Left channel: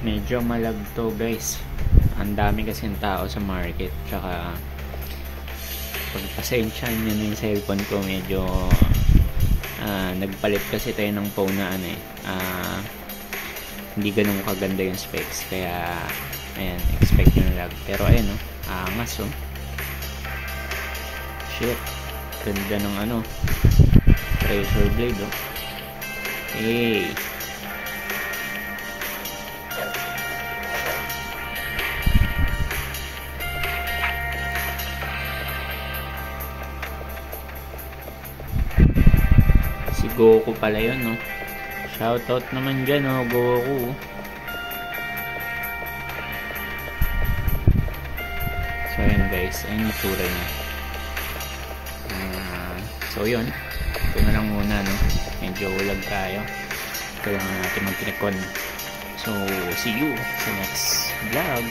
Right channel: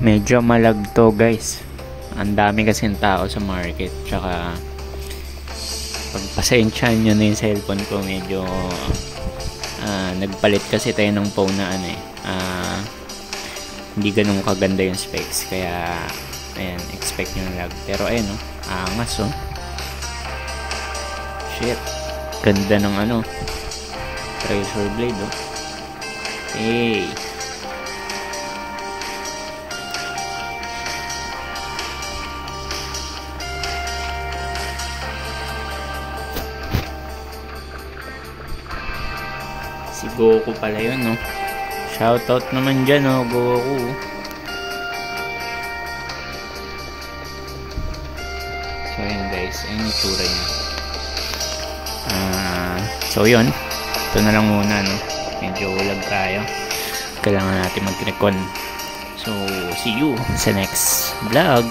Medyo malag to guys. Ang dami kasing tao sa market. Tsaka pagpasensyahan nyo na yung cellphone ko, medyo nagpalit kasi tayo ng phone na hindi ganun kaganda yung specs. Kaya ayan, expect nyo na lag. Pero ayan angas shit, ganda ng razor blade hey. Si Goku pala yun shoutout naman dyan Goku. So yun guys, ayun yung tsura niya. So yun, ito na lang muna medyo ulag tayo, kailangan natin mag-recon. So see you sa next vlog.